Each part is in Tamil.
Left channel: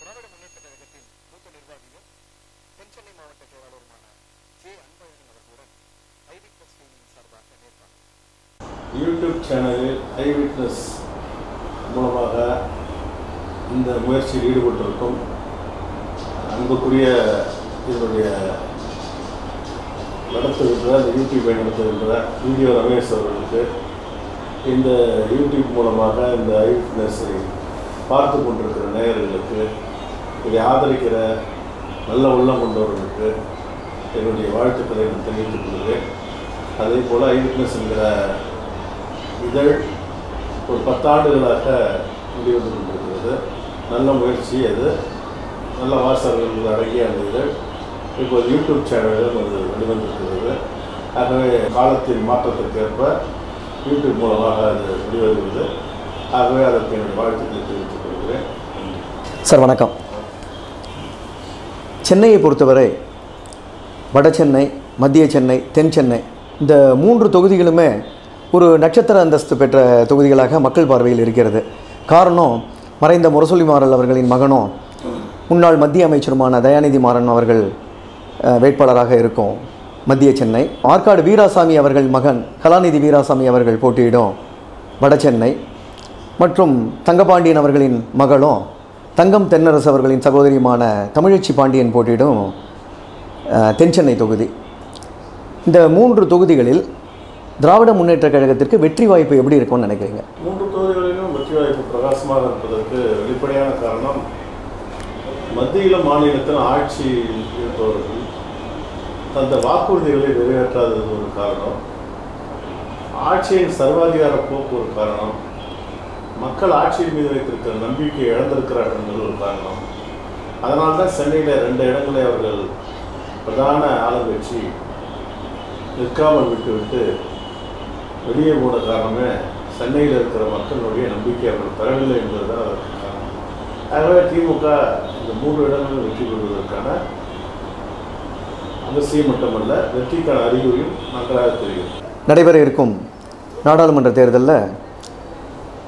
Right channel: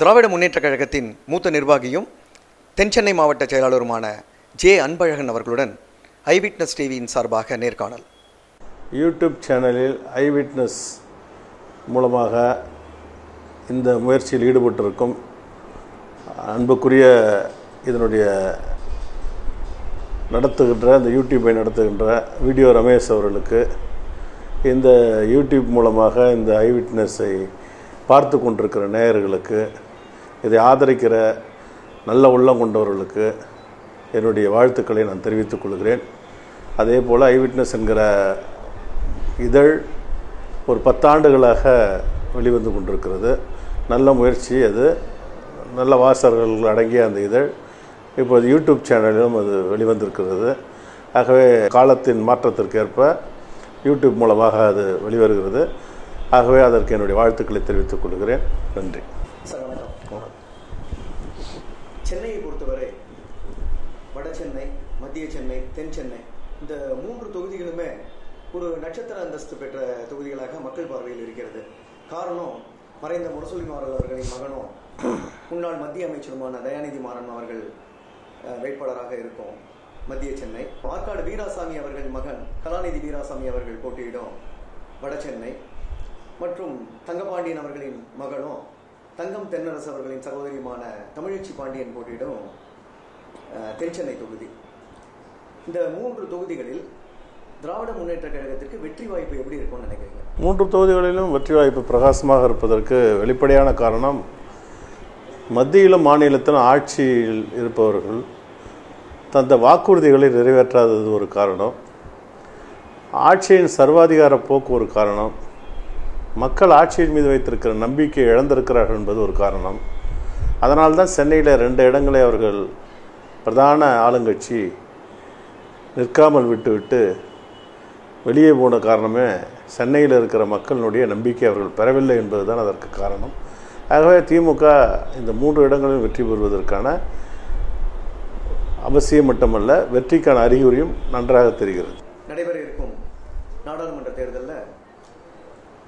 திராவிட முன்னேற்றக் கழகத்தின் மூத்த நிர்வாகியும் தென்சென்னை மாவட்ட செயலாளருமான ஜே அன்பழகன் அவர்களுடன் ஐவிட்னஸ் டிவியின் சார்பாக நேர்காணல். யூடியூப் சேனலில் ஐ விட்னஸ் மூலமாக இந்த முயற்சியில் ஈடுபட்டிருக்கும் அன்புக்குரிய இதனுடைய நடத்துகின்ற இந்த யூடியூப்பை நடத்துகின்ற வீடியோ ரமேஷ் அவர்களுக்கு இந்த யூடியூப் மூலமாக இந்த ஐ விட்னஸை பார்த்து கொண்டிருக்கிற நேயர்களுக்கு இதை ஆதரிக்கிற நல்ல உள்ளம் கொண்டவர்களுக்கு என்னுடைய வாழ்த்துக்களை நான் தெரிவித்துக் கொள்கிறேன். அதே போல் ஐ விட்னஸ் என்கிற இதழ் ஒரு பத்தாண்டுகளாக வெளிவந்து கொண்டிருக்கிறது. நல்ல முயற்சி அது. நல்ல வாசகர்கள் அடங்கிய அந்த இதழ் இப்போது யூடியூப் சேனலிலும் அது வெளிவந்திருக்கிறது. ஆகவே காலத்தின் மாற்றத்திற்கேற்ப யூடியூப் மூலமாக அது வெளிவருகிறது. ஆகவே அதற்கு என்னுடைய வாழ்த்துக்களை தெரிவித்துக் கொள்கிறேன். நன்றி. சார் வணக்கம். சென்னையை பொறுத்தவரை வட சென்னை மத்திய சென்னை தென் சென்னை இந்த மூன்று தொகுதிகளுமே ஒரு நட்சத்திர அந்தஸ்து பெற்ற தொகுதிகளாக மக்கள் பார்வையில் இருக்கிறது. காரணம் மறைந்த முரசொலி மாறல் அவர்களின் மகனும் முன்னாள் மத்திய அமைச்சருமான தயாநிதி மாறன் அவர்கள் வேட்பாளராக இருக்கும் மத்திய சென்னை. ஆற்காடு வீராசாமி அவர்கள் மகன் கலாநிதி வீராசாமி அவர்கள் போட்டியிடும் வட சென்னை. மற்றும் தங்கபாண்டியன் அவர்களின் மகளும் தங்கம் தென்னரசு அவர்களின் சகோதரியுமான தமிழச்சி பாண்டியன் போட்டியிடும் தென்சென்னை தொகுதி. இந்த மூன்று தொகுதிகளில் திராவிட முன்னேற்றக் கழகத்திற்கு வெற்றி வாய்ப்பு எப்படி இருக்கும்னு நினைக்கிறீங்க? மூன்று தொகுதிகளிலும் வெற்றி வாய்ப்பு பிரகாசமாக இருப்பதற்கு வெளிப்படையான காரணம் மத்தியிலும் மாநிலத்திலும் ஆட்சியில் இருப்பவர்கள் தந்த வாக்குறுதிகளை நிறைவேற்றாதது ஒரு காரணம் ஆட்சியின் சர்வாதிகார போக்கு ஒரு காரணம் மக்கள் ஆட்சியின் மீது வைத்திருக்கிற நம்பிக்கை இழந்திருக்கிறார்கள் என்பது ஒரு காரணம். அதனால் தான் சென்னையில் ரெண்டு இடங்களை அவர்கள் பிரதான ஆளுங்கட்சி நிற்காமல் விட்டுவிட்டு வெளியே போன காரணமே சென்னையில் இருக்கிற மக்களுடைய நம்பிக்கை அவர்கள் பெறவில்லை என்பதுதான் அதற்கு காரணம். ஆகவே திமுக இந்த மூன்று இடங்களிலும் வெற்றி பெறுவதற்கான அவசியம் மட்டுமல்ல வெற்றிக்கான அறிகுறியும் நன்றாக தெரிகிறது. நடைபெற இருக்கும் நாடாளுமன்ற தேர்தலில்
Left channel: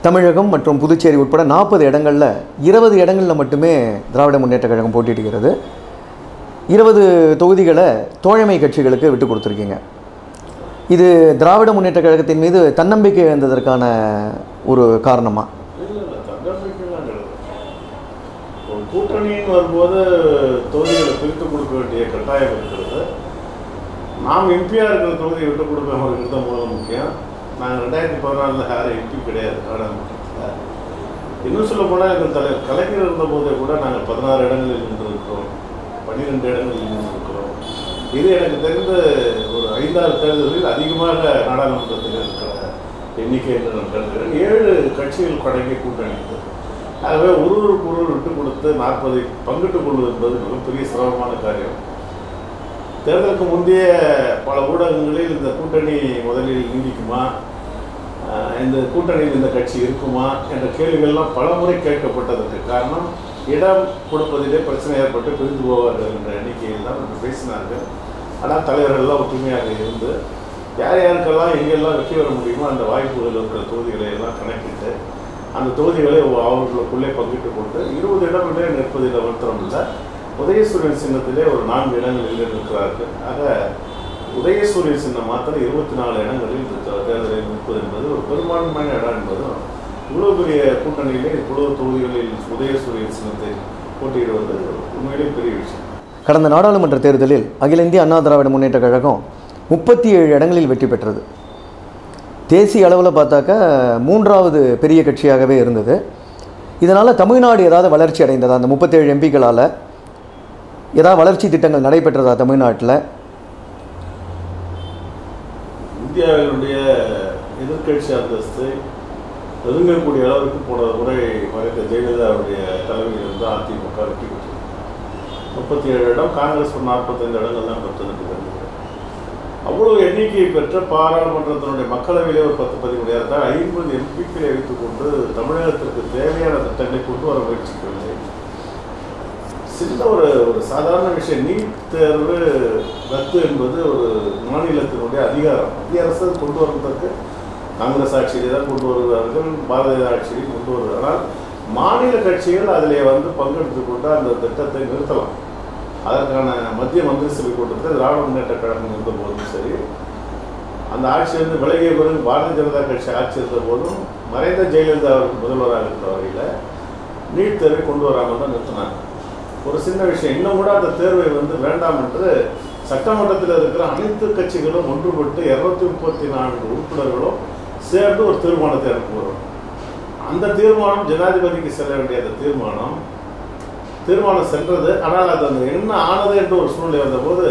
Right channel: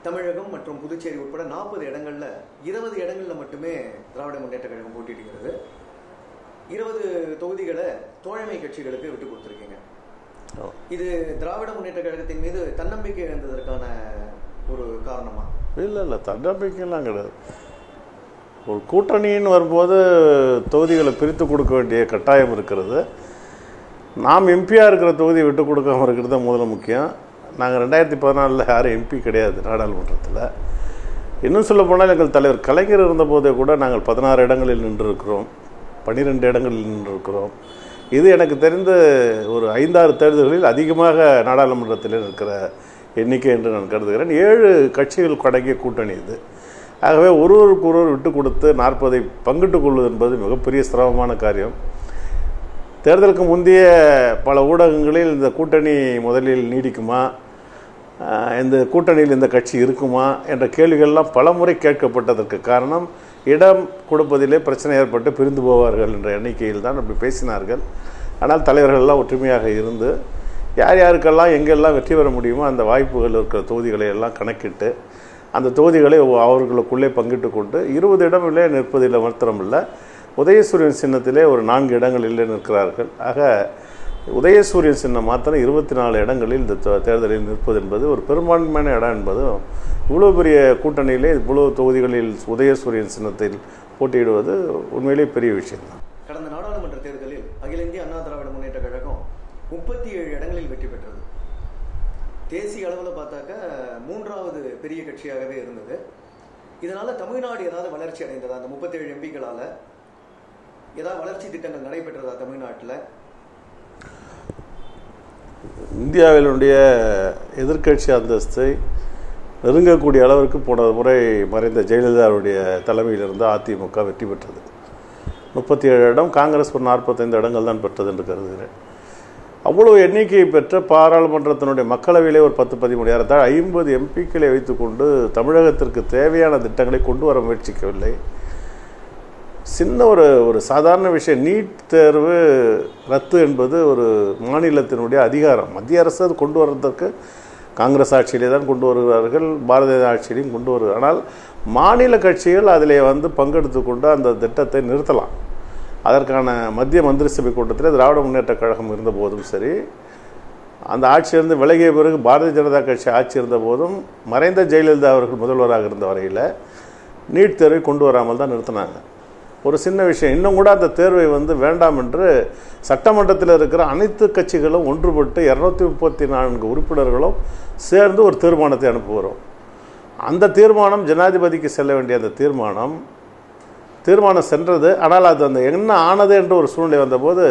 தமிழகம் மற்றும் புதுச்சேரி உட்பட நாற்பது இடங்களில் இருபது இடங்களில் மட்டுமே திராவிட முன்னேற்றக் கழகம் போட்டியிடுகிறது. இருபது தொகுதிகளை தோழமை கட்சிகளுக்கு விட்டு கொடுத்துருக்கீங்க. இது திராவிட முன்னேற்றக் கழகத்தின் மீது தன்னம்பிக்கை இழந்ததற்கான ஒரு காரணமா? இல்லை இல்லை தன்னம்பிக்கைலாம் கிடையாது. ஒரு கூட்டணின்னு வரும்போது தொகுதிகளை பிரித்து கொடுக்க வேண்டிய கட்டாயம் இருக்கிறது. நாம் எம்பியாக இருக்கிற தொகுதியை விட்டு கொடுக்காம இருக்கிறது தான் முதல்ல முக்கியம். நாங்கள் ரெண்டாயிரத்தி பதினாலில் யாரும் எம்பி கிடையாது நாடாளுமன்றத்தில். இன்னும் சொல்ல போனால் எங்கள் தலைவர் கலைஞர் இருந்தபோதே கூட நாங்கள் பதினாறு இடங்களில் நின்றிருக்கிறோம். பன்னிரெண்டு இடங்களில் நின்றிருக்கிறோம். இது எனக்கு தெரிந்து ஒரு ஐந்தாறு தேர்தல்களில் அதிகமாக நாடாளுமன்றத்தில் இருக்கிற எண்ணிக்கை என்று நான் கருதுகிறேன். ஏழு கட்சிகள் அடங்கிய கூட்டணி இது. ஆகவே ஒருவருக்கு ஒருவர் விட்டு கொடுத்து நாற்பதை பங்கிட்டுக் கொள்வது என்பது மிகப்பெரிய சிரமமான காரியம். தேர்தலுக்கு முந்தைய பல ஊடகங்களில் இந்த கூட்டணி முதலில் நீடிக்குமா? இந்த கூட்டணியில் இந்த கட்சி இருக்குமா? என்ற கேள்விகள்லாம் பலமுறை கேட்கப்பட்டதற்கு காரணம் இடம் கொடுப்பதிலே பிரச்சனை ஏற்பட்டு பிரிந்து போவார்கள் என்ற எண்ணிக்கையில் தான் அப்படி பேசினார்கள். ஆனால் தலைவர்கள் எல்லாம் ஒற்றுமையாக இருந்து யார் யாருக்கெல்லாம் எங்கெல்லாம் வெற்றி பெற முடியுமோ அந்த வாய்ப்புகள் இருக்கிற தொகுதிகளை எல்லாம் கணக்கிட்டு அந்த தொகுதிகளை அவர்களுக்குள்ளே பங்கிட்டு கொண்டு இருபது இடம் இல்லை நிற்பதில் மாத்திரம் இல்லை உதயசூரியன் சின்னத்திலே ஒரு நான்கு இடங்களில் நிற்கிறார்கள். ஆக உதயசூரியன் சின்னம் மாத்திரம் இருபத்தி நாலு இடங்களில் இந்த தேர்தலில் நிற்பது என்பது ஒரு பெரும்பான்மையான இடம் என்பதும் இவ்வளோ பெரிய கூட்டணியிலே இவ்வளோ தொகுதிகளில் உதயசூரியன் சின்னத்தில் போட்டியிடுவது உண்மையிலே பெரிய விஷயம். கடந்த நாடாளுமன்ற தேர்தலில் அகில இந்திய அண்ணா திராவிட முன்னேற்றக் கழகம் முப்பத்தி ஏழு இடங்களில் வெற்றி பெற்றது. தேசிய அளவில் பார்த்தாக்கா மூன்றாவது பெரிய கட்சியாகவே இருந்தது. இதனால் தமிழ்நாடு ஏதாவது வளர்ச்சி அடைந்ததா? அந்த முப்பத்தேழு எம்பிக்களால் ஏதாவது வளர்ச்சி திட்டங்கள் நடைபெற்றதா தமிழ்நாட்டில்? இந்தியாவினுடைய எதிர்க்கட்சி அந்தஸ்தை நெருங்கக்கூடிய அளவிற்கு போன முறை மறைந்த ஜெயலலிதாவுடைய தலைமையில் இருந்து அதிமுக வெற்றி பெற்றது. முப்பத்தி ஏழு இடம் காங்கிரஸ் ஒரு நாற்பத்தைந்து இடங்கள் தான் பெற்றது என்று கருதுகிறேன். அவ்வளோ எண்ணிக்கையை பெற்ற பாராளுமன்றத்தினுடைய மக்களவையிலே ஒரு பத்து பதிமூணாயிரம் தான் ஐம்பது எம்பிக்களை வைத்துக்கொண்டு தமிழகத்திற்கு தேவையான திட்டங்களை கொண்டு வர முயற்சிக்கவில்லை. சின்ன ஒரு ஒரு சாதாரண விஷயம். நீட் தேர்வு ரத்து என்பது ஒரு மாநிலத்தினுடைய அதிகாரம். மத்திய அரசு கொண்டு வருவதற்கு காங்கிரஸ் ஆட்சியிலே தான் கொண்டு வருகிறார்கள். பாரதிய ஆட்சியிலையும் கொண்டு வருகிறார்கள் ஆனால் மாநில கட்சிகள் அதிலே வந்து பங்கெடுத்து கொண்டு அந்த திட்டத்தை நிறுத்தலாம். அதற்கான மத்திய மந்திரி சபை கூட்டத்தில் திராவிட முன்னேற்ற கழகம் இருந்தபோதும் சரி அந்த ஆட்சி வந்து விலகிய பிறகு பாரதிய ஜனதா கட்சி ஆட்சி இருந்த போதும் மறைந்த ஜெயலலிதா அவருக்கு முதல்வராக இருந்த வரையில் நீட் தேர்வை கொண்டு வராமல் தான் நிறுத்தினாங்க. ஒரு சின்ன விஷயம். இன்னும் கூட அந்த தேர்வை வந்து வேண்டாம் என்று சட்டமன்றத்தில் இருக்கிற அனைத்து கட்சிகளும் ஒன்றுபட்டு இரநூத்தி முப்பத்தி நான்கு உறுப்பினர்களும் சேர்ந்து ஒரு தீர்மானத்தை அனுப்புகிறோம் அந்த தீர்மானம் ஜனாதிபதிக்கு செல்ல வேண்டிய அந்த தீர்மானம் தீர்மானம் சென்றது. ஆனால் அது அந்த என்ன ஆனது என்று ஒரு சூழ்நிலை வந்தபோது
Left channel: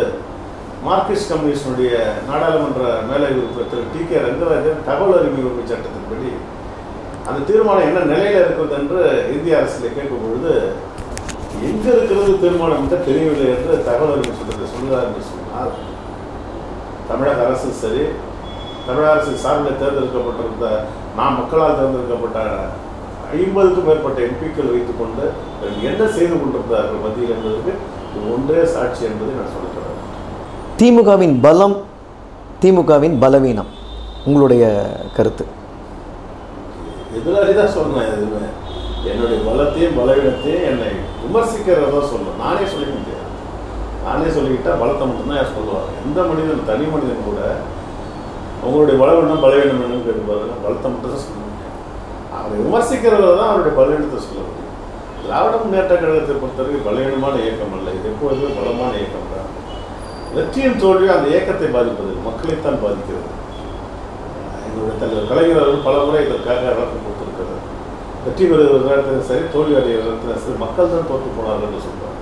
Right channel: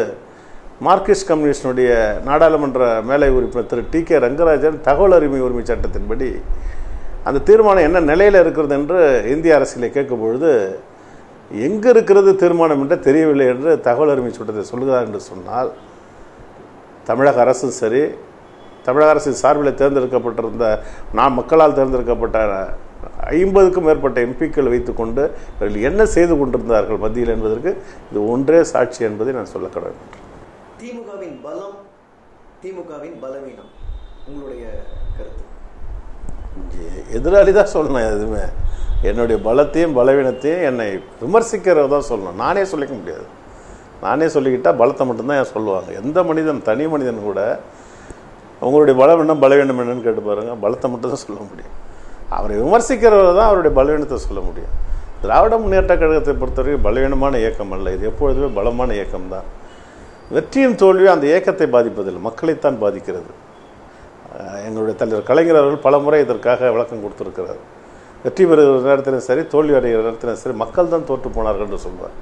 மார்க்சிஸ்ட் கம்யூனிஸ்டினுடைய நாடாளுமன்ற மேலை உறுப்பினர் திரு டி கே ரங்கராஜன் தகவல் உரிமை உரிமை சட்டத்தின்படி அந்த தீர்மானம் என்ன நிலையில் இருக்கிறது என்று இந்திய அரசில் கேட்கும் பொழுது எங்கே இருக்கிறது தீர்மானம் என்று தெரியவில்லை என்று தகவல் உரிமை சட்டத்தை சொல்கிறார் என்று சொன்னால் தமிழக அரசும் சரி தமிழக அரசின் சார்பில் தேர்ந்தெடுக்கப்பட்டிருந்த நாம் மக்களால் தேர்ந்தெடுக்கப்பட்ட ஐம்பதுக்கும் மேற்பட்ட எம்பிக்கள் வைத்துக்கொண்டு என்ன செய்து கொண்டிருந்தார்கள் மத்தியில் என்பதற்கு இது ஒன்றே சாட்சி என்பதை நான் சொல்ல தொடங்கிறேன் திமுகவின் பலம் திமுகவின் பலவீனம் உங்களுடைய கருத்து. எதிராளி தான் சொன்னேன் எதுவுமே. என்னுடைய பலத்தையும் பலவீனத்தையும் என்னை விமர்சிக்கிறதா சொல்லணும். நானே சொல்லிக்க முடியாது. நானே சொல்லிக்கிட்டால் பலத்தை மட்டும்தான் என் சொல்லுவாங்க. எந்த மனிதன் தனி மனிதன் கூட அவங்களுடைய பலம் என்ன பலவீனம் என்னன்னு கேட்டு பாருங்க. பலத்தை மட்டும் தான் சொல்ல முடியும். அவரை விமர்சிக்கிறவர் தான் அவருடைய பலவீனத்தை சொல்ல முடியும். திராவிட முன்னேற்ற கழகத்தை பொறுத்தவரை பலவீனமான இயக்கம் அல்ல. இது எப்பொழுதுமே பலமான இயக்கம் தான். வெற்றியும் தோல்வியும் அந்த இயக்கத்தை பாதிப்பதில்லை. மக்களைத்தான் பாதிக்கிறது. எங்களுடைய தலைவர் கலைஞர் அவர்கள் பல முறை இதற்காக விளக்கம் கொடுத்திருக்கிறார். வெற்றி பெறுகிற நேரத்திலும் சரி தோல்வி அடைகிற நேரத்திலும் சரி மக்கள் தான் தோற்று போனார்கள் என்று சொல்கிறார்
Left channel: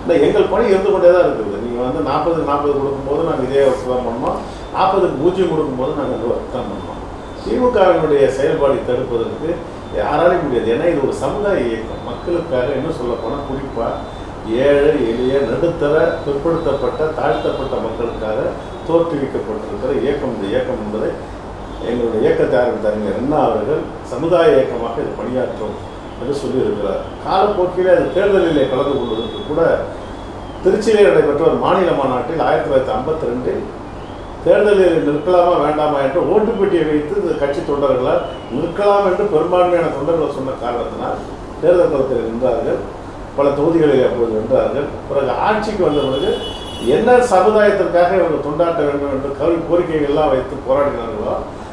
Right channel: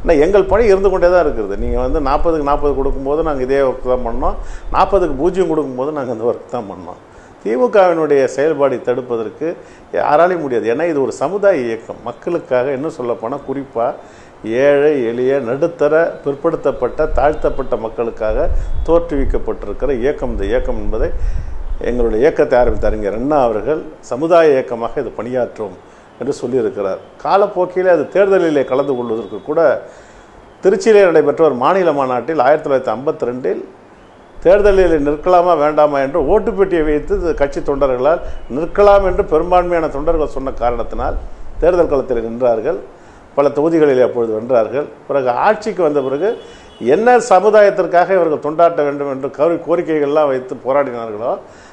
ஆனால் எங்கள் பணி இருந்து கொண்டே தான் இருக்குது. நீங்கள் வந்து நாற்பதுக்கு நாற்பது கொடுக்கும்போது நாங்கள் இதே ஒர்க் தான் பண்ணோம். நாற்பதுக்கு பூஜ்ஜியம் கொடுக்கும்போது நாங்கள் அந்த ஒர்க் தான் பண்ணோம். திமுகவினுடைய செயல்பாடு தடுப்பதற்கு யாராலையும் முடியாது. ஏன்னா இது ஒரு சமுதாய இயக்கம். மக்களுக்காக இன்னும் சொல்லப்போனால் குறிப்பாக ஏழை எளிய நடுத்தர பிற்படுத்தப்பட்ட தாழ்த்தப்பட்ட மக்களுக்காக தோற்றுவிக்கப்பட்டிருக்கிற இயக்கம். இந்த இயக்கம் என்பதை எங்களுடைய இயக்கத்தை ஆரம்பித்த அறிஞர் அண்ணா அவர்கள் சமுதாய இயக்கமாக இது பணியாற்றும் என்று சொல்லியிருக்கிறார். காலப்போக்கில் அது தேர்தலிலே கலந்து கொள்வதற்கு கூட திருச்சியிலே நடைபெற்ற ஒரு மாநில மாநாட்டில் ஆயிரத்தி தொள்ளாயிரத்தி ஐம்பத்தி ரெண்டில் தேர்தலில் நிற்கலாமா வேண்டாமா என்று ஓட்டுப்பெட்டியை வைத்து இந்த கட்சி தொண்டர்களால் நிற்கலாம் என்று பெரும்பான்மையான தொண்டர்கள் சொன்ன காரணத்தினால் தேர்தல் களத்தில் நின்றார்கள். பல தொகுதிகளில் அப்பொழுது நின்றார்கள். பிறகு ஆட்சிக்கு வந்த பிறகு என்ன சமுதாயத்திற்காக இவர்கள் தொண்டாட்ட வேண்டும் என்று கவி கோரிக்கைகள்லாம் வைத்து போராடினார்களோ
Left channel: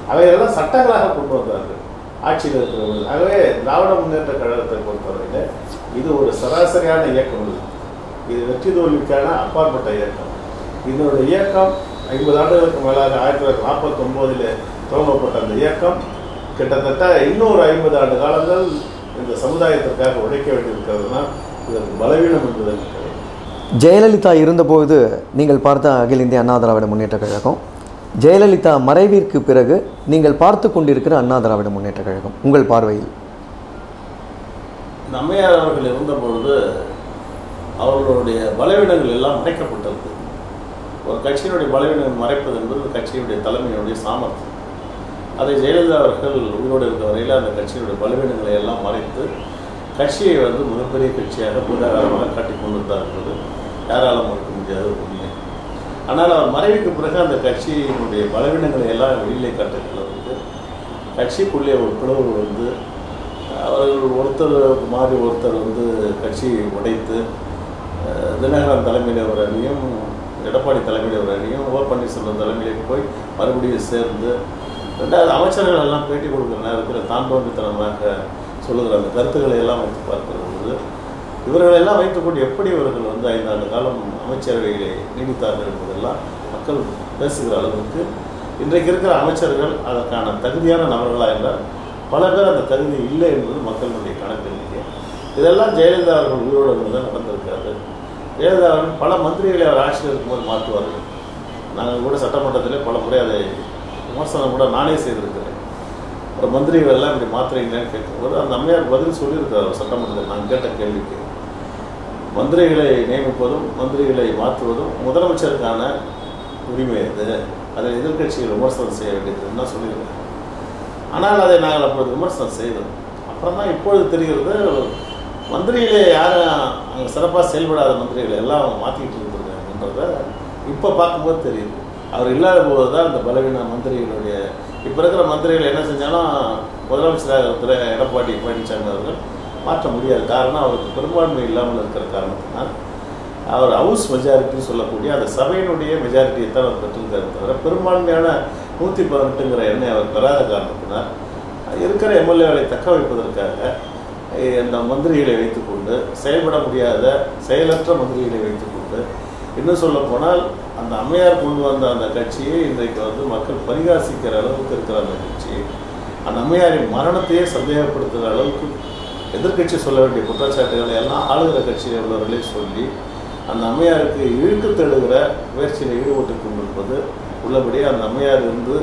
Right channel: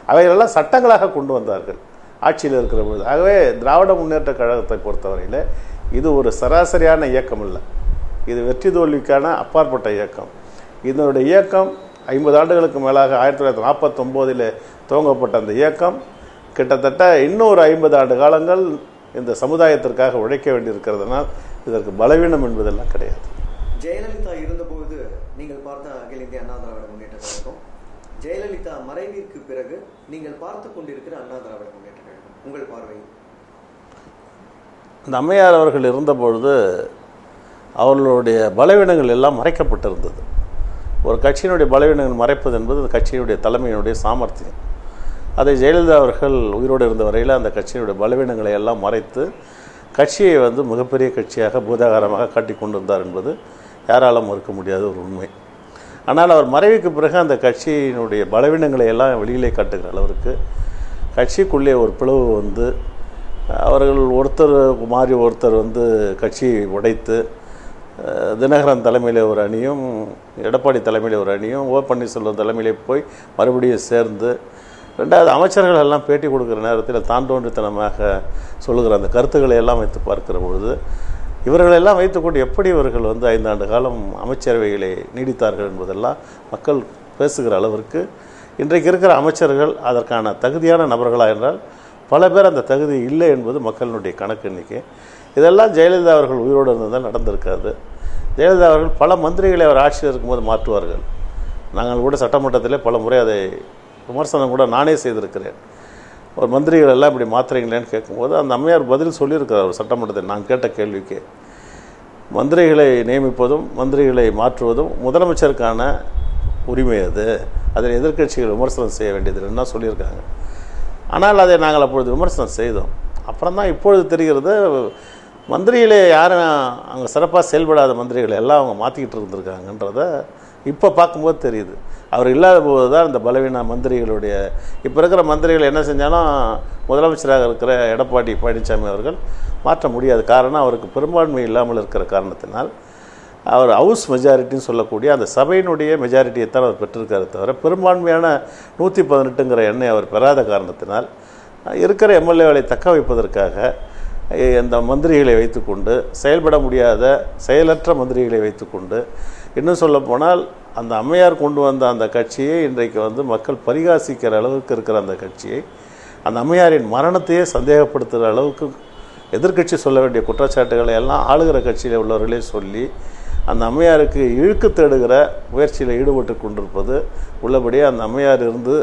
அவைகளெல்லாம் சட்டங்களாக கொண்டு வந்தார்கள். ஆட்சியில் இருக்கிற பொழுது ஆகவே திராவிட முன்னேற்ற கழகத்தை பொறுத்தவரையில் இது ஒரு சராசரியான இயக்கம் இல்லை. இது வெற்றி தோல்விக்கான அப்பாற்பட்ட இயக்கம். இதனுடைய இயக்கம் ஐம்பது ஆண்டுகளுக்கு மேலாக ஆயிரத்தி தொள்ளாயிரத்தி நாற்பத்தொம்போதில் துவங்கப்பட்ட அந்த இயக்கம் கிட்டத்தட்ட இன்னொரு ஐம்பது ஆண்டு காலங்கள் இந்த சமுதாயத்திற்காக உழைக்க வேண்டியிருக்கிறதுனால் இதற்கு பலவீனம் என்பதெல்லாம் கிடையாது ஜெயலலிதா இருந்தபோது நீங்கள் பார்த்த அகில இந்திய அண்ணா திராவிட முன்னேற்ற கழகம் ஜெயலலிதா மறைவிற்கு பிறகு நீங்கள் பார்த்து கொண்டிருக்கிற அண்ணா திராவிட முன்னேற்ற கழகம் உங்கள் பார்வையில்? இந்த அம்மையார் அவர்கள் இருந்தபொழுது அவர்களுடைய பலவீனங்கள் எல்லாம் மறைக்கப்பட்டிருந்தது ஒரு கட்சியினுடைய பலவீனங்கள் மறைப்பது என்பது கட்சியினுடைய தலைமையினுடைய சாமர்த்தியம். அதை ஜெயலலிதா அவர்கள் உயிரோடு இருந்த வரையில் அந்த கட்சியினுடைய பலவீனங்களை எல்லாம் மறைத்து கட்சியை வந்து மிகப்பெரிய கட்சியாக பூதாகாரமாக காட்டி கொண்டிருந்தார் என்பது யாராலும் மறுக்க முடியாத ஒரு உண்மை. ஆனால் அவர் மறைவுக்கு பிறகு அந்த கட்சியினுடைய பலவீனங்களை எல்லாம் வெளியிலே காட்டுகிற அளவுக்கு கட்சிக்குள்ளே ஒரு பிளவு வந்து அவர்கள் ஒருத்தர் மாறி ஒருத்தர் வந்து கட்சியை உடைத்து தினகரன் தலைமையில் ஒரு அணியும் எடப்பாடி தலைமையில் ஒரு அணியும் ஓ பன்னீர்செல்வம் தலைமையிலே போய் மறுபடியும் சேர்ந்து ரெண்டாவது அமைச்சர்கள் எல்லாம் பேட்டி கொடுக்குற நேரத்தில் தான் தோன்றித்தனமாக சொல்லுகிற அந்த கருத்துக்களை எல்லாம் வைத்து பார்க்கிற பொழுது இவர்களெல்லாம் வைத்துக்கொண்டு எப்படி இவர்கள் வந்து ஐந்தாண்டு காலம் அமைச்சரவைகளை நீடித்தார்கள் என்பதெல்லாம் மக்கள் பேசுகிற அளவிற்கு இன்றைக்கு இருக்கிற அமைச்சர்கள் அதற்கான தகுதியான நபர்களாக என்றால் பல பேர் அந்த தகுதி இல்லை என்பது மக்களுடைய கணக்கு எண்ணிக்கை. இதெல்லாம் ஜெயலலிதா அவர்கள் உயிரோடு இருந்தால் தான் நடந்திருக்காது. ஜெயலலிதா அவர்கள் பல மந்திரிகளை அவர் ஆட்சியில் இருக்கும்போது மாற்றுவார்கள். நாங்கள் கூட சட்டமன்றத்திலே பல முறை அதை விமர்சனம் கூட நானே செய்திருக்கிறேன். ஒரு மந்திரிகள் எல்லாம் இப்படி மாத்துறீங்களேன்னு கேட்கும்போது அந்த அம்மையார் பதில் சொல்லியிருக்கிறார் சட்டமன்றத்தில் நான் கேட்ட கேள்விக்கு. மந்திரிகளை நியமிப்பதும் மந்திரிகளை மாற்றுவதும் முதலமைச்சருக்கான உரிமை அது அதில் எதிர்க்கட்சிகள் விமர்சனம் செய்ய வேண்டியதுன்னா சொல்லியிருக்காங்க? ஆனால் அதை நாங்கள் அப்பொழுது விமர்சனம் செய்தோம். அப்புறம் தான் இப்பொழுது தெரிகிறது மந்திரிகளே யாரும் அங்கே சிறப்பாக செயல்படாத மந்திரிகள் எல்லாம் அவங்க மாற்றிக்கிட்டு இருந்திருக்காங்கன்றத இப்போ பார்க்கும்போது தெரியுது. அவர் இல்லாத போது தான் அந்த பலவீன மந்திரிகளுடைய இப்போ இருக்கிற மந்திரிகள் என்ன செஞ்சாலும் முதலமைச்சராக இருக்கிற எடப்பாடி பழனிசாமி அவர்கள் மாற்ற முடியாது. காரணம் அவருக்கு பெரும்பான்மை இல்லாமல் இருக்கிற காரணத்தினால் அவர் ஹவுஸ் மெஜாரிட்டின்னு சொல்லக்கூடிய அந்த சபையினுடைய மெஜாரிட்டியை தான் அவர் பெற்றிருக்காரு தவிர பெரும்பான்மையான நூற்றி பதினெட்டுங்கிற எண்ணெய் அவர் பெறாத காரணத்தினால் இருக்கிற எம்எல்ஏகளை தக்க வைப்பதற்காக இந்த மந்திரிகளை வைத்துக்கொண்டு செயல்பட முடியாத செயலற்ற மந்திரிகளை வைத்துக்கொண்டு இன்னும் சொல்ல போனால் அந்த அம்மையார் கொண்டு வந்த அந்த கட்சியை இன்றைக்கு வந்து மக்கள் பரிகாசிக்கிற அளவுக்கு இருக்கிற அந்த கட்சியை அந்த அம்மையாரின் மரணத்தையே சந்தேகப்படுத்துகிற அளவுக்கு எதிர்க்கட்சி சொல்ல வேண்டிய குற்றச்சாட்டுகளை எல்லாம் ஆளுகிற கட்சியில் உள்ளவர்களே சொல்லி அந்த அம்மையாருக்கு இழுக்கு தேடுகிற முயற்சியில் ஈடுபட்டு கொண்டிருப்பது உள்ளபடியே அந்த அம்மையார் இருந்து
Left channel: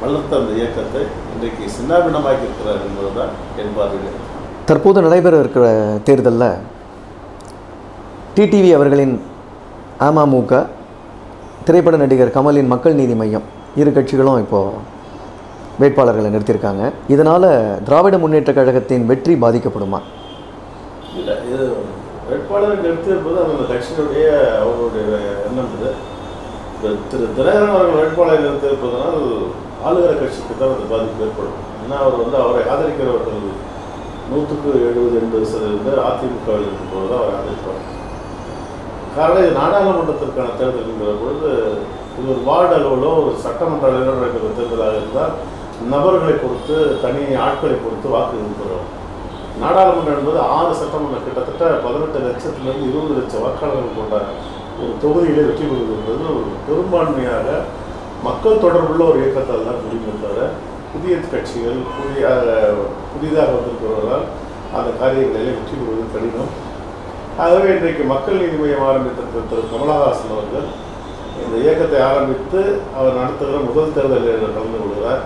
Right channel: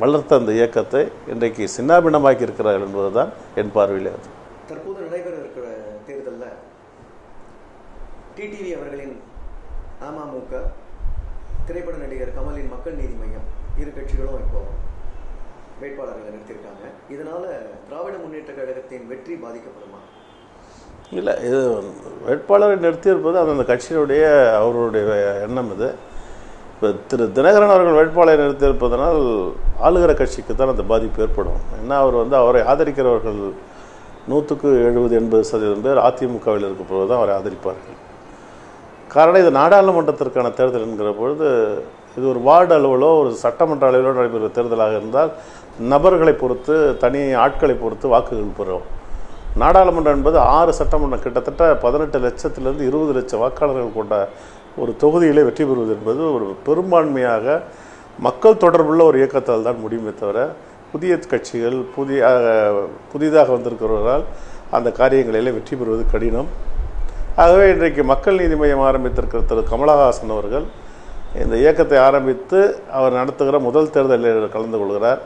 வளர்த்த அந்த இயக்கத்தை இன்றைக்கு சின்னாபின்னமாக்கி இருக்கிறார் என்பதுதான் என் பார்வையில். தற்போது நடைபெற இருக்கிற தேர்தலில் டிடிவி அவர்களின் அமமுக திரைப்பட நடிகர் கமலின் மக்கள் நீதி மையம். இரு கட்சிகளும் இப்போது வேட்பாளர்களை நிறுத்தியிருக்காங்க. இதனால் திராவிட முன்னேற்றக் கழகத்தின் வெற்றி பாதிக்கப்படுமா? இல்லை இது வேட்பாளரை நிறுத்தியிருப்பது அந்தந்த கட்சியினுடைய அவர்களுடைய எண்ணம் இது. இப்போ திரு தினகரன் அவர்கள் வேட்பாளரை நிறுத்தியிருப்பதனால் ஆளுகிற கட்சிக்கு தான் அந்த பாதிப்பு ஏற்படும். ஏன்னா அவர் வந்து அவரை ஆதரிக்கிறவர்கள் நூற்றுக்கு எழுபது எண்பது சதவீதம் பேர் அதிமுகவில் இருக்கும்போது தான் அவரை ஆதரிப்பார். காரணம் இது நாடாளுமன்றத்திற்கான தேர்தல் என்கிற பொழுது இது ஒரு வார்டு அளவிலோ ஒரு சட்டமன்ற அளவிலோ நடக்கிற தேர்தலாக இருந்தால் நபர்களை பொறுத்து தனி ஆட்களை பொறுத்து வாக்கு பெறும் நாடாளுமன்றம் என்பது ஆறு சட்டமன்றம் கிட்டத்தட்ட பதினெட்டு லட்சத்திலிருந்து இருபது லட்சம் வாக்காளர்கள் கொண்ட ஒரு தொகுதியிலே வெற்றி பெறுவது என்பது ஒரு பெரும்பான்மையாக மக்கள் தொடர்புள்ள ஒரு இயக்கத்தால் தான் முடியுமே தவிர புதிய கட்சிகள் புதிய புதிதாக வந்திருக்கிறவர்களால் அந்த காரியங்களிலே வெற்றி பெறுவது கடினம். ஆகவே இன்றைக்கு மக்கள் நீதி மையம் ஆரம்பித்திருக்கிற திரு கமலஹாசன் அவர்கள் இந்த இயக்கத்தை ஆரம்பித்து அவர் நடத்துகிற முதல் தேர்தலில் கலந்து கொள்கிறார்.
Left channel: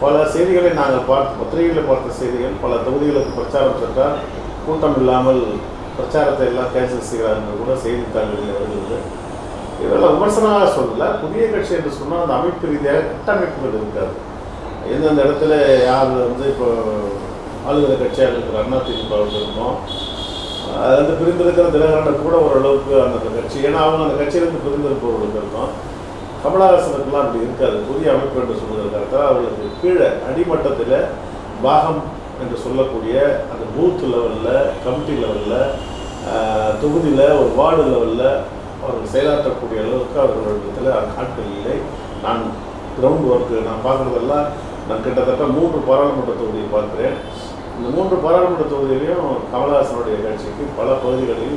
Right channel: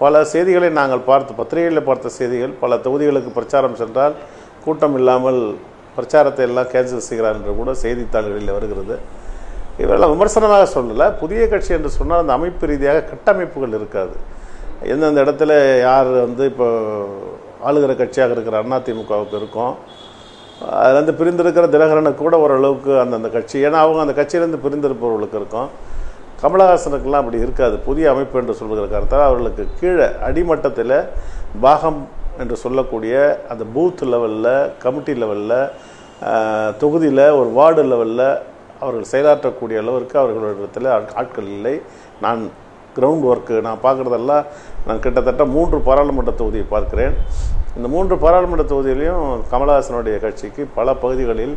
பல செய்திகளை நாங்கள் பார்த்து பத்திரிகைகளில் பார்த்த செய்திகள் பல தொகுதிகளுக்கு பிரச்சாரம் சென்றால் கூட்டம் இல்லாமல் பிரச்சாரத்தை எல்லாம் கேன்சல் செய்கிறார் என்று கூட செய்தித்தாள்களில் வருகிறது. இதெல்லாம் விமர்சனமாக சொல்லலை. புதிய கட்சி என்று சொன்னால் அந்த அமைப்பு ரீதியாக கட்டமைப்புகள் இருக்காது. எந்தெந்த இடத்துல யார் வந்து இப்போ ஆளுகிற கட்சியாக இருக்கிற அதிமுகவுக்கு இருக்கும் அது வந்து பிரிந்திருக்கிற தினகரனை கூட ஓரளவுக்கு அந்தந்த கட்சி ஏன்னா அவங்க அந்த கட்சியிலேருந்து பிரிந்திருப்பவர்களுக்கு இருக்கும். கமலஹாசனுக்கெல்லாம் அப்படி இருக்காது. புதிய அமைப்பு என்று சொல்வதற்காகத்தான் அவர்களுக்கு கீழே அடிமட்டத்தில் பாகம் என்று சொல்லக்கூடிய அந்த பூத் லெவலில் கமிட்டி லெவலில் தொகுதியில் ஒரு வார்டு லெவலில் அவர்கள் செயலாற்றக்கூடிய அளவுக்கு அவர்களிடத்தில் ஆட்கள் இல்லை. நான் கிரவுண்ட் ஒர்க்கு நான் பார்க்குறதெல்லாம் நான் கிட்டத்தட்ட மூன்று பாராளுமன்ற தொகுதியை பார்க்குறேன். இந்த மூன்று பாராளுமன்ற தொகுதியிலையும் கமலஹாசனுடைய கட்சிக்கு பல பகுதிகளில்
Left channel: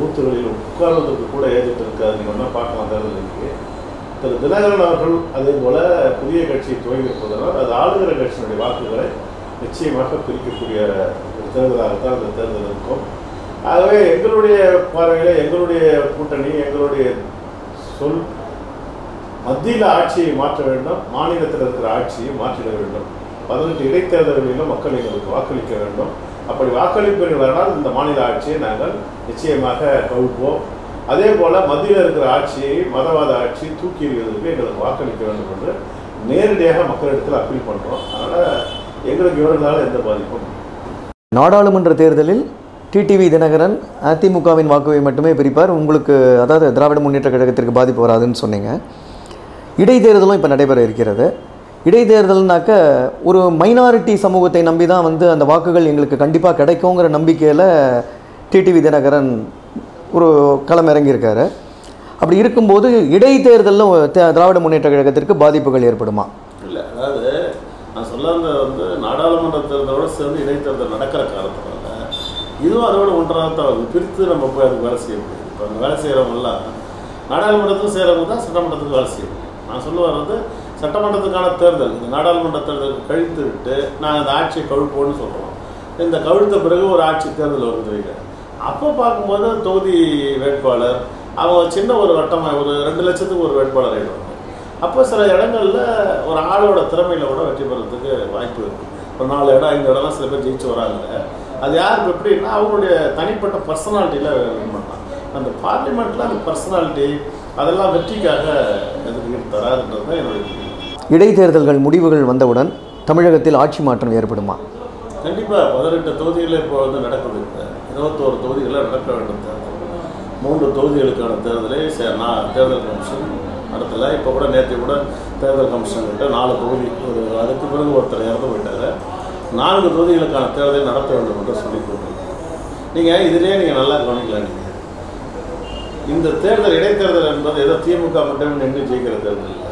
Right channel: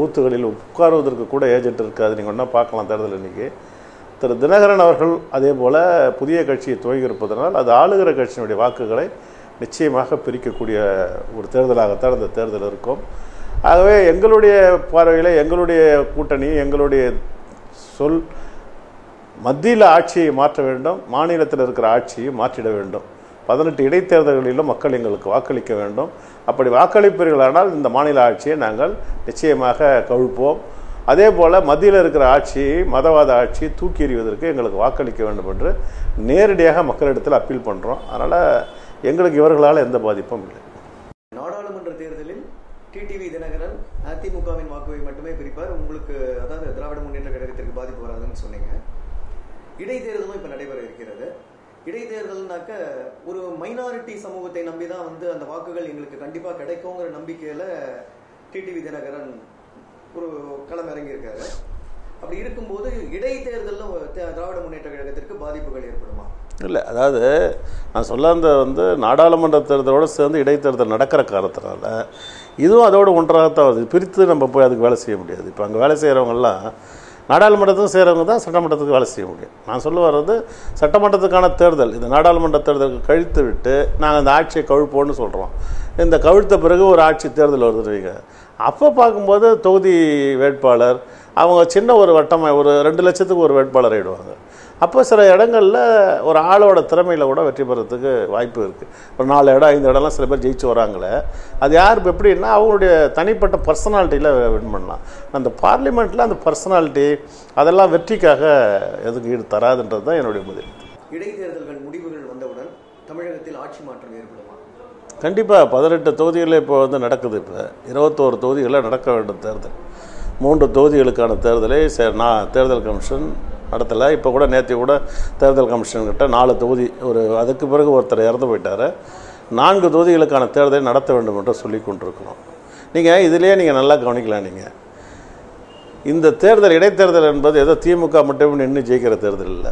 ஊத்துகளில் உட்காருவதற்கு கூட ஏஜென்ட் இருக்காது. நீங்கள் ஒன்றா பார்க்கலாம் தேர்தல் இன்னைக்கு திரு தினகரன் அவர்கள் அதே போல் புதிய கட்சியை துவங்கியிருப்பதனால் அது ஆளுகிற கட்சியினுடைய வாக்குகளை நிச்சயமாக பிரிக்கக்கூடிய ஒரு தேர்தலாகத்தான் இந்த தேர்தல் இருக்கும். ஆகவே எங்களுடைய பார்வையில் எங்களுடைய கூட்டணி எங்களுடைய சொல் மத்தியில் ஆட்சியை மாற்ற வேண்டும் மாநிலத்தில் இருக்கிற ஆட்சியை மாற்றிட வேண்டும். பதினெட்டு இடைத்தேர்தல்களிலும் மக்கள் எங்களுக்கு வாக்களிக்க வேண்டும். அப்படி வாக்களிப்பீர்களானால் இந்த மாநில ஆட்சியை நாங்கள் நிச்சயமாக கவிழ்ப்போம் அதே போல் மத்தியில் இருக்கிற ஆட்சியை மதவாத ஆட்சியை தூக்கி எறிவதற்கு எங்களுக்கு வாக்களிக்க வேண்டும் என்று நேரடியாக மக்களிடத்தில் அப்பீல் பண்ணுறோம் அதனால் எங்களுக்கு இவர்களால் எந்த பாதிப்பும் நாடாளுமன்ற தேர்தலில் டிடிவி தினகரன் அதிமுகவின் வாக்குவை மட்டுமே பிரிப்பார். உங்களுக்கு அதாவது திராவிட முன்னேற்ற கழகத்திற்கு பாதிப்பு வராதுன்னு சொன்னீங்க. இடைத்தேர்தலும் இப்போ நடைபெற இருக்கிறது. இடைத்தேர்தல்னாக்க ஒரு மைனாரிட்டி சமூகத்தை நம்பி தான் வந்து அந்த வாக்குகள் எங்களுக்கு கண்டிப்பாக கிடைக்குங்கிற நம்பிக்கையில் டிடிவி தினகரன் ஒரு களம் இறங்கியிருக்காரு. அப்படி இருக்கும்போது இடைத்தேர்தலில் திராவிட முன்னேற்ற கழகத்திற்கு பாதிப்புகள் ஏற்படுமா? இல்லை அதாவது நான் சொல்ல வந்து நாடாளுமன்ற தேர்தலோடு சேர்ந்து இடைத்தேர்தல் நடக்கிற காலத்தினால இதுவும் அதோட ஒன்றாக தான் வருது. பிரித்து நம்ம போய் அதுக்கு வேலை செய்ய முடியாது. இப்போ அங்கே வேலை செய்கிறவங்கெல்லாம் நாடாளுமன்றத்துக்கு செய்கிறவங்க தான் சட்டமன்றத்துக்கு வேலை செய்ய முடியும். நான் சொல்ல வர்றது சட்டமன்றத்துக்கான தேர்தல் இந்த நாடாளுமன்ற தேர்தலுக்கு கழித்து விட்டு நாங்கள் அந்த ஆட்சியை கழுப்போன்னு சொல்கிறோம் இந்த கவிழ்த்த பிறகு ஒரு ஆட்சி தேர்தல் வருதுன்னு வைங்க அப்போ பார்க்கும்போது தொகுதி வேட்பாளர் அவங்க சின்ன ஒரு வட்டமாக ஒரு ரெண்டு லட்சத்துக்கு ஒரு வேட்பாளர் ஆயிடுவாங்க. அப்போ சில இடங்களில் ஒரு ஆளோட திறமையில் கூட வெற்றி பெறத்துக்கு வாய்ப்பு இருக்குது ஒரு நாலு இடம் ஐந்து இடம்லாம் சில பேர் ஜெயிச்சு வராங்களே. அது யார் எப்படின்னா அவங்களுடைய தனிப்பட்ட பர்சனாலிட்டியில் வின் பண்ணலாம். அந்த பார்லிமெண்ட்டில் அந்த பர்சனாலிட்டி அதெல்லாம் வெற்றிக்காக எதுக்கு தராதுன்றது தான் என்னுடைய முடிவு. இடைத்தேர்தல்கள் முடிவுகள் வந்தவுடன் தமிழகத்தில் ஆட்சி மாற்றம் ஏற்படுமா? கண்டிப்பாக பதினெட்டு தொகுதிகளில் இப்போ வந்து நடக்குது. இருபத்தோரு தொகுதிகளில் நடக்க வேண்டும் தேர்தல். மூன்று தொகுதிகளுக்கான தேர்தலை சே நான் தேர்தல் கமிஷன் நடத்தலை. இப்போ கூட நேற்று கூட தேர்தல் கமிஷன் கிட்ட நாலு தொகுதி ஒரு அதுக்கு பிறகு ஒருத்தர் இறந்து போயிட்டார். நான்கு தொகுதிகளுக்கான தேர்தலை நடத்த வேண்டும் என்று சொல்லிக் கொண்டிருக்கோம். நீங்கள் இதிலேயே நீங்கள் நல்லா கவனிக்கலாம் நீங்கள் இந்த தேர்தல் இடைத்தேர்தல் என்பது ஏதோ திமுக மட்டும் நின்று ஜெயிக்கிற தேர்தல் இல்லை.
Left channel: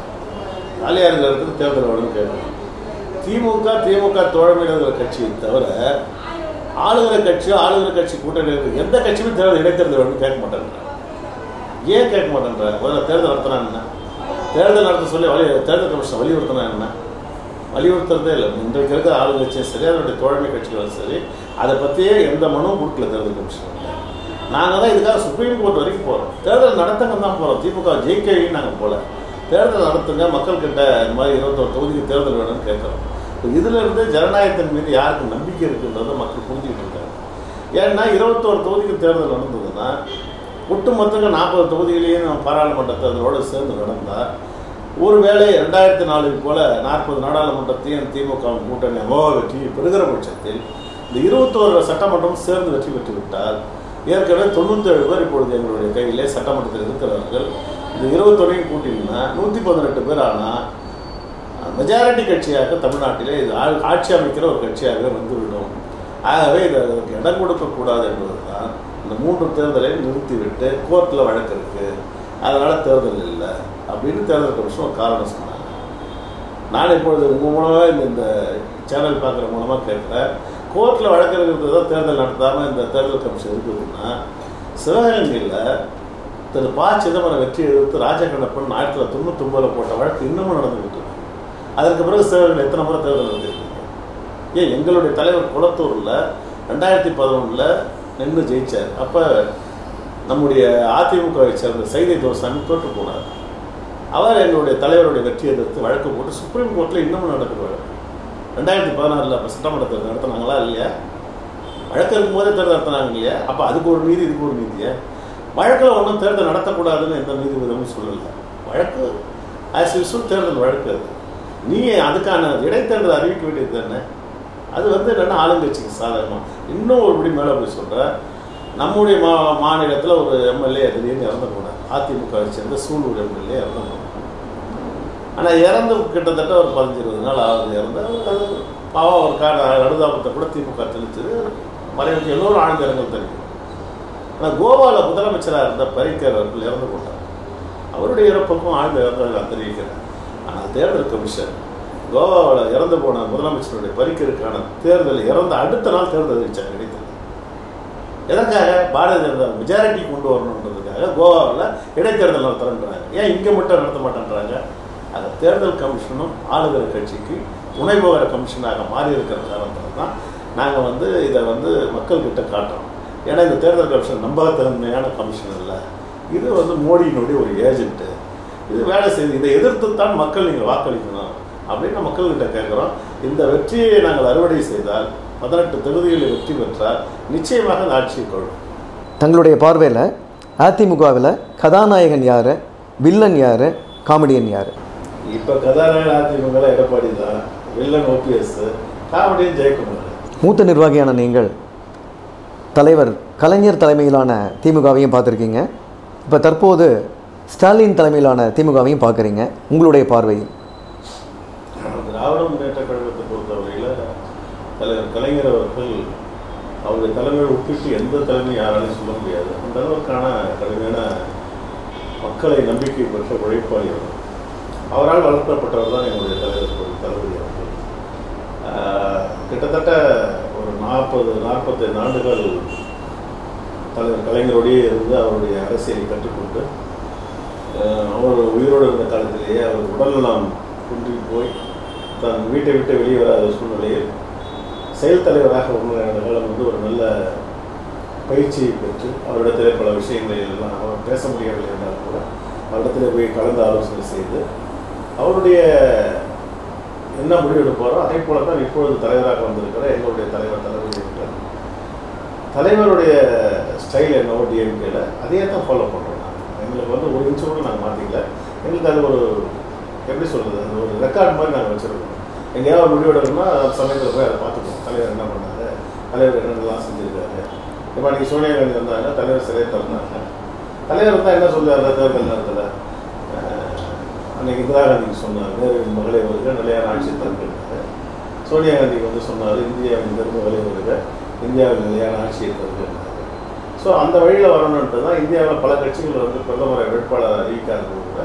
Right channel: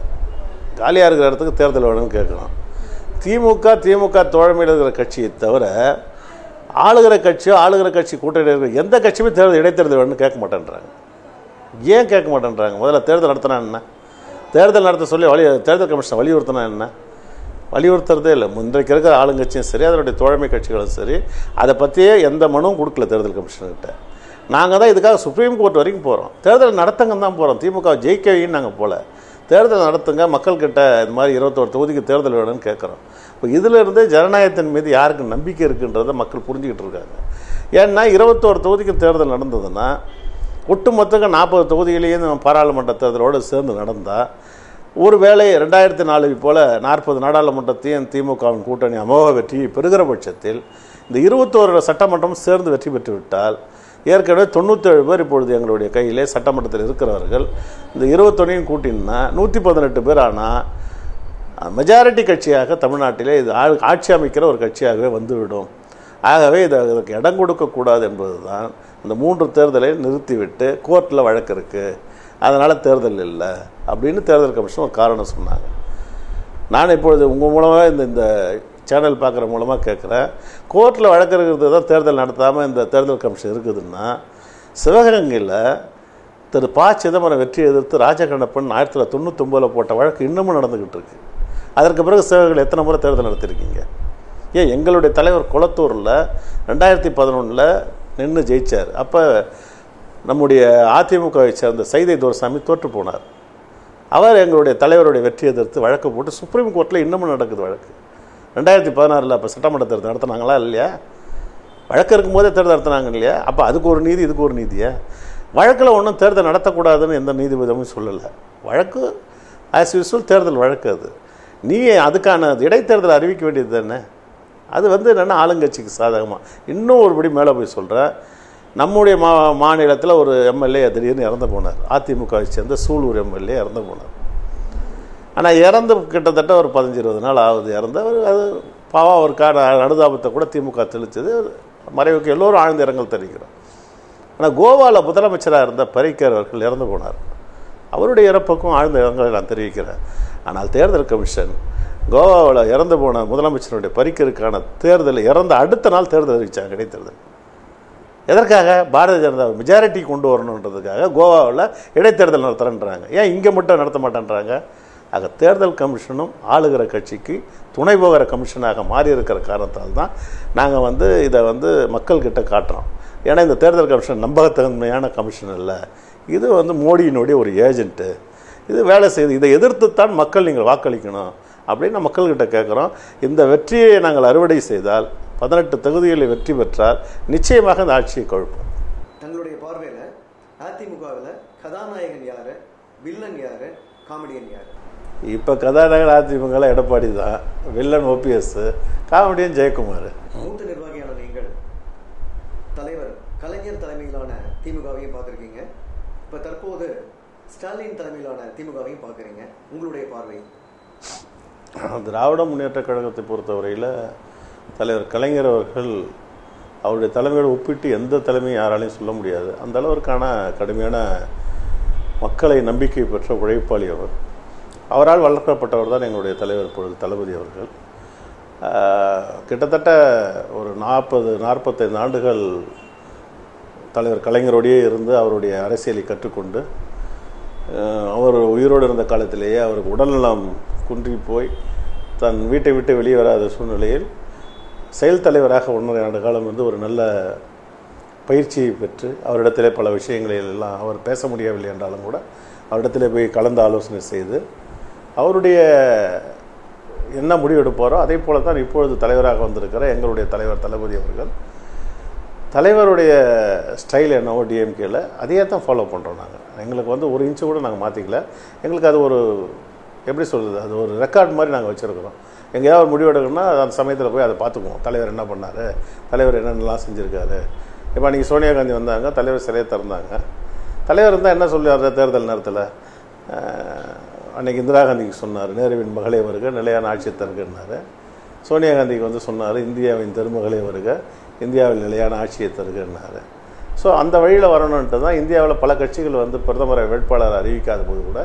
காலியாக இருக்கிற இடத்துக்கு தேர்தல் வேணும்னு கேட்கணும் திமுக திமுக தோழமையில் இருக்கிற கட்சியை தவிர ஆளுகிற கட்சியோ ஆளுகிற கட்சி கூட்டணி இருக்கிற எந்த கட்சியுமே தேர்தல் இடைத்தேர்தல் வேணும்னு கேட்க மாட்டேன்றாங்க. ஏன் கேட்க மாட்டேன்றாங்க? முதல்ல தேர்தல் நடத்தினா என்ன? தேர்தல் நடத்த சொல்லி வலி தேர்தல் கமிஷன் வலியுறுத்தினா என்ன? வலியுறுத்துறதே இல்லை. இன்றைக்கு இருக்கிற ஆளுங்கட்சியும் சரி அதனுடைய தோழமை கட்சிகளும் சரி அதை பற்றியே எந்த மனுவும் கொடுக்கல தேர்தல் கமிஷன்கிட்ட நாங்கள் தான் இதுக்காக சுப்ரீம் கோர்ட் வரைக்கும் போகிறோம் தேர்தல் நடத்துங்க தான் போகிறோம் திமுக ஜெயிக்கவின்னு நாங்கள் போகல தேர்தல் நடத்துங்க மக்கள்கிட்ட இந்த மாதிரி இருபத்தோரு தொகுதிக்கு தேர்தல் வேணும்னு கேட்குறோம். இப்போ இதிலிருந்து ஜனநாயகத்தின் மீது யாருக்கு நம்பிக்கை இருக்குன்றதை மக்கள் புரிஞ்சுக்கிட்டு இருக்காங்க. ஏன்னா இருபத்தோரு தொகுதிக்கு தேர்தல் நடந்ததுன்னா ஒட்டுமொத்தங்க நாற்பது தொகுதியிலேயும் நம்ம பாராளுமன்ற தேர்தலோடு சேர்ந்து நடந்தால் ஒருவேளை ரெண்டாயிரத்தி நாலு போல் நாற்பது நாடாளுமன்றத்தையும் திமுகவின் கூட்டணி அமோக வெற்றியை பெறுகிற பட்சத்தில் இந்த இருபத்தோரு சட்டமன்றம் சேர்ந்து வெற்றி பெற்று விட்டால் ஏற்கனவே தொண்ணூற்றேழு பேர் இப்பொழுது எங்களுடைய கையிலே சட்டமன்றத்தில் இருக்கிறவர்கள் இந்த இருபத்தொடையும் கூட்டினா நூற்றி பதினெட்டு பேர் ஆனால் மெஜாரிட்டி கட்சியாக தமிழ்நாட்டிலே இது ஆட்சி அமைக்கிற ஒரு கட்சியாகவே வந்துவிடும். ஆகவே இதை அதற்கு இடம் கொடுக்கக்கூடாது என்பது தான் இந்த மூன்று தேர்தலை நிறுத்திவிட்டு கோர்ட்டில் வழக்கு இருக்குது அதனால் தேர்தல் இல்லை அப்படின்னு தேர்தல் கமிஷன் ஒரு காரணம் சொன்னாங்க. நான் இப்பொழுது உங்கள் மூலமாக இந்த இந்த சேனல் பார்க்குற மூலமாக கேட்குறேன் கோர்ட்டில் வழக்கு தான் தேர்தல் நடத்தாமல் இந்த தேர்தல் கமிஷன் இருக்குதுன்னா சிவகங்கையில் திரு ப. சிதம்பரம் வெற்றி எதிர்த்து ராஜகண்ணப்பன் ஆயிரத்தி தொள்ளாயிரத்தி தொண்ணூத்தொம்பதில் போட்ட வழக்கு இன்னமும் நடந்துக்கிட்டு இருக்கு. அதற்கு பிறகு சிவகங்கை எத்தனை முறை தேர்தல் நடத்திருக்கீங்க? ஏன் எங்களுடைய தலைவர் குளத்தூரில் ரெண்டாயிரத்தி பதினொன்றில் நின்று ஜெயிச்சார். அப்போ நம்முடைய அதிமுகவை சேர்ந்த சைதை துரசாமி தோற்று போனார். அவர் எங்களுடைய தலைவருடைய வெற்றி எதிர்த்து வழக்கு போட்டு சுப்ரீம் கோர்ட்டில் இன்னமும் நடக்குது வழக்கு. ரெண்டாயிரத்தி பதினாறில் அப்போ சட்டமன்ற தேர்தல் நடத்துனாங்களா இல்லையா? வழக்கு இருக்கும்போதே தேர்தல் நடத்தினாங்க இல்லையா? அப்போ அதுக்கு ஒரு நீதி இதுக்கு ஒரு நீதியா? வழக்கில் ஒன்றும் தேர்தல் நடத்தக்கூடாதுன்னு எந்த நீதிபதியும் சொல்லலை. வழக்கு ஆஸ் யூஸ்வல் தேர்தல் வழக்கு அது. நீ அதுக்கான இடைத்தேர்தல் அறிவிக்க வேண்டியது தானே? அது வந்து என்னென்னா ஆளுங்கட்சிக்கு சாதகமாக இன்னும் ஒருபடி மேலே போய் சொல்கிறேன் நம்முடைய மா மாநிலத்தில் ஒரு எம்எல்ஏ திடீர்னு இறந்து போனார். அதிமுகவை சேர்ந்த சூலூர் எம்எல்ஏ இறந்து போனார். ஆனால் இறந்து கிட்டத்தட்ட ஒரு பதினஞ்சு இருபது நாள் ஆகுது இறந்து. அது பாவம் ஒரு கார அனுதாபத்தை கூட திமுக தெளித்தது மறைவுக்கு எல்லோரும் ஆழ்ந்த இரங்கல் தெரிவிக்கிறோம். ஆனால் கோவாவில் முதலமைச்சராக இருந்த பரிக்கர் அவர்கள் இறந்து போனார். அவருடைய இறப்புக்கும் ஆழ்ந்த இரங்கல் நான் தெரிவிக்கிறேன். ஆனால் தேர்தல் கமிஷன் கோவாவில் இறந்து போன முதலமைச்சருடைய பரிக்கருக்கான தேர்தல் இறந்த அடுத்த நாள் தேர்தல் அறிவிச்சாங்க இடைத்தேர்தல் எதற்காக? பாரதிய ஜனதா மெஜாரிட்டி கொண்டு வரணுன்றதுக்காக கோவாவில் இடைத்தேர்தல் நடத்துகிறேன்றாங்க ஏன் இங்கே மட்டும் நடத்த மாட்டேன்றாங்க? ஆக தேர்தல் கமிஷனும் ஆளுகிற கட்சிக்கு துணை விவகார கமிஷனாக மாறி இருக்கிற காரணத்தால் தான் நாங்கள் வந்து இதை வந்து மக்கள்கிட்ட காட்டுறோம். ஏன்னா இந்த தேர்தல் கமிஷன் நம்பகத்தன்மையான கமிஷன் இல்லை இது வந்து மோடியினுடைய ஒரு ஏஜென்ட்டு இது வேலை செய்யுது இதை எதிர்த்து தான் மக்கள் நீங்கள் வாக்களிக்கணும் அப்படின்னு மக்கள்கிட்ட கேட்குறோம். இந்த வெற்றியை நாங்கள் அறுவடை செய்தால் பதினெட்டு தொகுதிகளில் வெற்றி பெற்றால் நிச்சயமாக இந்த ஆட்சியை கொள்ளும் தங்களுடைய பார்வையில் அதிமுகவில் கதாநாயகன் யார் வில்லன் யார் காமெடியன் யார்? இப்போ கதாநாயகன் அதிமுக எடப்பாடி தான் வில்லன் ஓபிஎஸ் காமெடியன் ஜெயக்குமார். மூத்த நிர்வாகியான நீங்கள் தலைவர் கலைஞர் தலைமையிலான திமுகவையும் பார்த்துருக்கீங்க. இப்போ தற்போது ஸ்டாலின் தலைமையிலான திமுகவையும் பார்க்குறீங்க. உங்களுடைய பார்வையில் திராவிட முன்னேற்ற கழகத்தை பொறுத்தவரையில் தலைவர் கலைஞர் அவர்கள் அவருடைய தலைமையோடு ஒப்பிட்டு எந்த தலைமையும் யாராலையும் சொல்ல முடியாது. அந்த அளவிற்கான கடுமையான மக்களை நம்பிக்கை பெற்ற உழைப்பாளி அவர். அவரால் வளர்க்கப்பட்டவர் தான் எங்களுடைய தலைவர் தளபதி அவர்கள். கிட்டத்தட்ட ஒரு நாற்பது நாற்பத்தைந்து ஆண்டுகள் தலைவர் கலைஞரோடையே இருந்து அவருடைய அரசியலை கற்றுக்கொண்டு அவர் உயிரோடு இருந்த காலத்திலேயே அவர் உடல்நலம் குன்றி போய் தன் வீட்டை விட்டு வெளியே வராத சூழ்நிலையில் செயல் தலைவராக ஒன்றரை ஆண்டு காலம் வந்து ஒரு நல்ல பயிற்சியை பெற்று அவரிடத்திலே பல விஷயங்களில் எல்லாம் அவர் பேச முடியவில்லை என்றாலும் கூட அவரிடத்திலே போய் கலந்து ஆலோசனை செய்து அவருடைய என்ன முடிவு எடுப்பாரோ அதே போல தான் இப்பொழுது தலைவராக வந்திருக்கிற எங்களுடைய தலைவர் தளபதி அவர்கள் தலைவருடைய ஸ்டைல் என்னவோ டிஎம்கேல அதையே தான் ஃபாலோ பண்ணுறோம் நாங்கள் எங்களுக்கு வந்து ஒரு இன்ச்சு கூட நாங்கள் மாற்றிக்கல எங்களுக்கு அது ஒரு எப்படி சொல்கிறது அது ஒரு ரெக்கார்ட் மாதிரி நாங்கள் வச்சுருக்கோம். எங்கேயாவது முடிவு எடுக்கணும்னா அந்த சமயத்தில் போய் அதை பார்த்துக்குவோம். தலைவர் என்ன பண்ணாரு? தலைவர் என்னென்னலாம் செஞ்சுருக்காரு? இப்போ அன்றைக்கி சோனியா காந்தி வந்தாங்க தலைவர் சிறையை திறந்தாங்க. தலைவர் இருந்தால் என்ன சொல்லுவார்? தேர்தல் நேரத்தில் அன்னைக்கு இந்திரா காந்திக்கு சொன்னார் நேருவின் மகளை அவருக்கு நிலையான ஆட்சி தருகிறாரு சோனியா காந்திக்கு வந்து சொன்னார் இந்தியாவின் பெருமகளை வருக இந்தியாவில் நிலையான ஆட்சியை தருகிறார் ஸோ அந்த வழியில் வரணுன்ட்டு தான் இந்தியாவில் பல கட்சிகள் வந்து பிரதமரை வேட்பாளர் அறிவிக்காதது கூட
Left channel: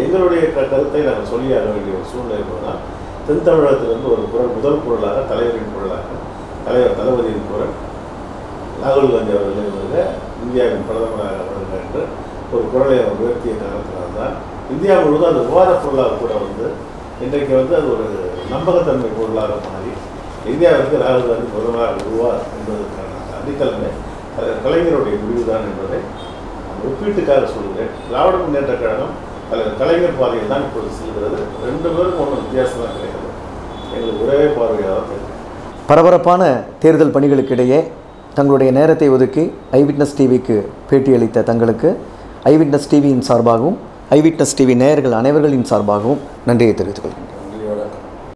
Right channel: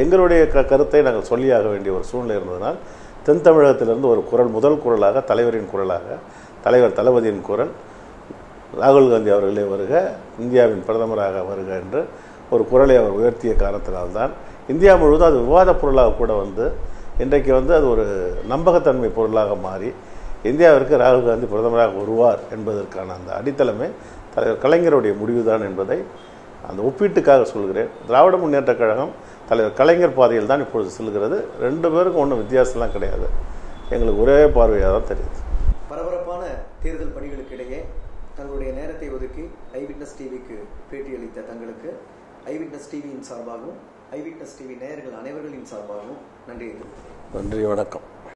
எங்களுடைய க கருத்தை நாங்கள் சொல்லியாக வேண்டிய ஒரு சூழ்நிலை என்பதுனால் தென் தமிழகத்திலிருந்து ஒரு குரல் முதல் குரலாக தலைவரின் குரலாக தலைவர் தளபதியின் குரல் ராகுல் காந்தி அவர்களே வருக இந்தியாவின் பிரதமராக வருக என்று ஒரு குரலை அவர் உயர்த்திய காரணத்தினால்தான் இந்தியா முழுவதும் அது விவாதப் பொருளாக கூட வந்து இன்றைக்கு வந்து அது ஒரு நம்பகத்தன்மை பொருளாக மாறி இந்தியாவிற்கு ராகுல் காந்தி பிரதமராக வருவார் என்பதற்கான அந்த அடித்தளமே தலைவர் கலைஞருடைய முடிவுதான் என்பதை அந்த ஒப்பீட்டுக்காக சொல்கிறேன். திராவிட முன்னேற்ற கழகம் தலைவர் கலைஞர் பாதையில் தான் இப்பொழுது செல்கிறது. ரெண்டு பேருக்கும் ஒன்றும் வித்தியாசம்லாம் கிடையாது. எங்களுக்கு ஒரே பார்வையாக தான் தெரியும் பரபரப்பான தேர்தல் பணிகளுக்கிடையே தங்களுடைய நேரத்தை ஒதுக்கி ஐவிட்னஸ் டிவிக்கு பேட்டியளித்த தங்களுக்கு ஐவிட்னஸ் டிவியின் சார்பாகவும் ஐவிட்னஸ் டிவி நேயர்கள் அனைவர்களின் சார்பாகவும் நன்றியை தெரிவித்துக் கொள்கிறேன்